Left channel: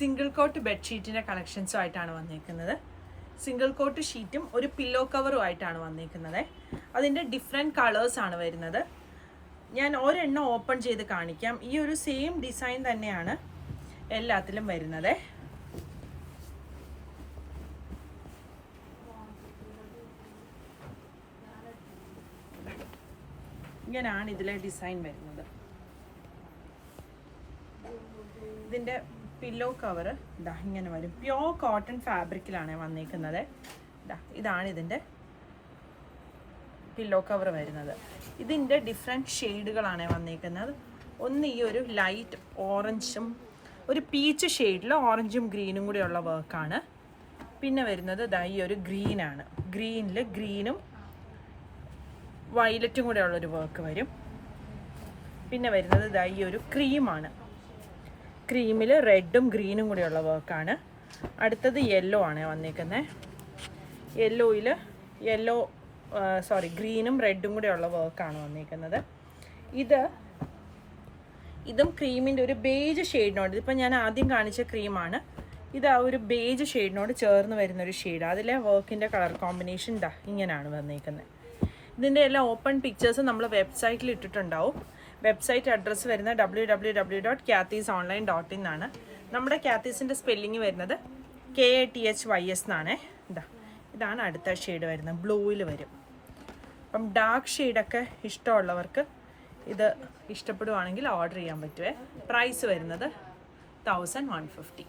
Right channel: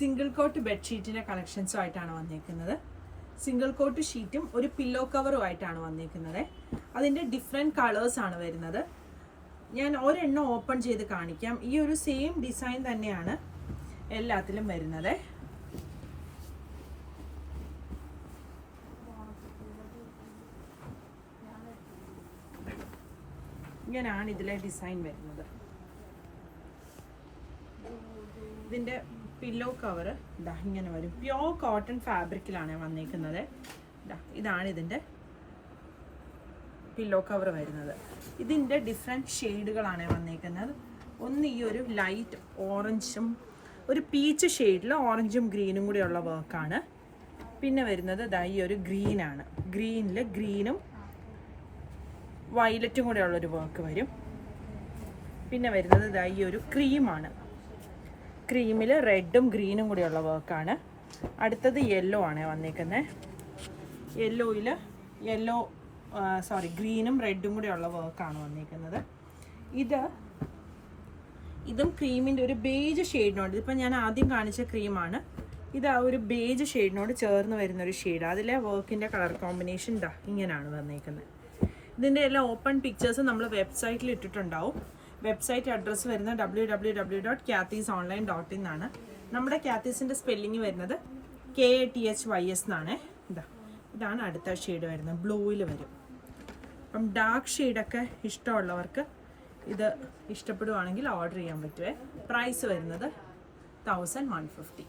Single coat ബെഡ്ഷീറ്റിൻ്റെ കളക്ഷൻസുമായിട്ടാണ് വന്നിരിക്കുന്നത്. Single coat ഷീറ്റും ഒരു പില്ലോ കവറും ആയിട്ടാണ് വന്നിരിക്കുന്നത്. അതിൻ്റെ ഡിഫറെൻറ്റ് കളേഴ്സാണ് വരുന്നത്. ഞാൻ ഒരെണ്ണം ഓപ്പൺ ചെയ്ത് കാണിക്കാം. ഈ ഒരു സെയിം ഡിസൈൻ തന്നെയാണ് എല്ലാത്തിലും വരുന്നത്. ഇങ്ങനെയാണ് ഇതിലെ ഡിസൈൻ വരുന്നത്. ഇതിൻ്റെ പില്ലോ കവർ ഇതാ ഇങ്ങനെ വരും. പ്യോർ കോട്ടൺ ഫാബ്രിക്കിലാണ് വന്നിരിക്കുന്നത്. ഇതാണ് ഇതിൻ്റെ പില്ലോ കവർ വരുന്നത്. ഇതിൻ്റെ ഡിഫറെൻറ്റ് ഷെയ്ഡുകളാണ് വന്നിരിക്കുന്നത്. ഒന്ന് ഈ ഒരു ലൈറ്റ് ഓറഞ്ചും ഒരു പീച്ച് ഷെയ്ഡിൽ ഓറഞ്ചും ഗ്രീനും കൂടിയുള്ള വർക്കാണ്. പിന്നെ വരുന്നത് ഇതാ ഈ ഒരു ഗ്രീനാണ്. ഗ്രീനിൽ ഗ്രീനും വയലറ്റും കൂടെ ഉള്ളൊരു വർക്ക് വരും. പിന്നെ വരുന്നത് ഇതാ ഈ ഒരു ക്രീമാണ്. ക്രീമിൽ റെഡും ഗ്രീനും കൂടെയുള്ള വർക്കാണ്. അടുത്തത് യെല്ലോ ആണ് വന്നിരിക്കുന്നത്. ഗ്രീനും റെഡും കൂടെയുള്ള വർക്കാണ് വന്നിരിക്കുന്നത്. ഇതും ക്രീമിൻ്റെ ഒരു ബേജ് ഷെയ്ഡിനോട്, ഇതിപ്പോൾ ഞാൻ ആദ്യം കാണിച്ച ക്രീമാണ്. ഇത് ആ ഒരു ബേജ് ഷെയ്ഡിനോട് ചേർന്ന് വരുന്നൊരു ഷെയ്ഡ്. അതിലെ വർക്കിൻ്റെ കളർ കോമ്പിനേഷൻ ഇതാ ഇങ്ങനെയാണ് വന്നിരിക്കുന്നത്. ഇതിൻ്റെ എല്ലാ ഓപ്പൺ പിക്ചേഴ്സും നമ്മൾ വെബ്സൈറ്റിൽ ഇട്ടിട്ടുണ്ടാവും. വെബ്സൈറ്റ് അഡ്രസ്സ് വരുന്നത് www.kathysonline.in എന്നാണ്. നമ്മുടെ കാത്തീസിൻ്റെ സ്പെല്ലിങ് വരുന്നത് KATHYS എന്നാണ്. ഇതാണ് അടുത്ത ഷെയ്ഡ് വരുന്നത്. ബ്ലൂവിൽ വരും. അപ്പം ഡാർക്ക് ഷെയ്ഡൊക്കെ ഇഷ്ടമുള്ളവർക്ക് ഇത് ഇഷ്ടപ്പെടുവാണെങ്കിൽ ഓർഡർ ചെയ്യാൻ പറ്റുമേ. പ്രൈസ് വരുന്നത് 1150.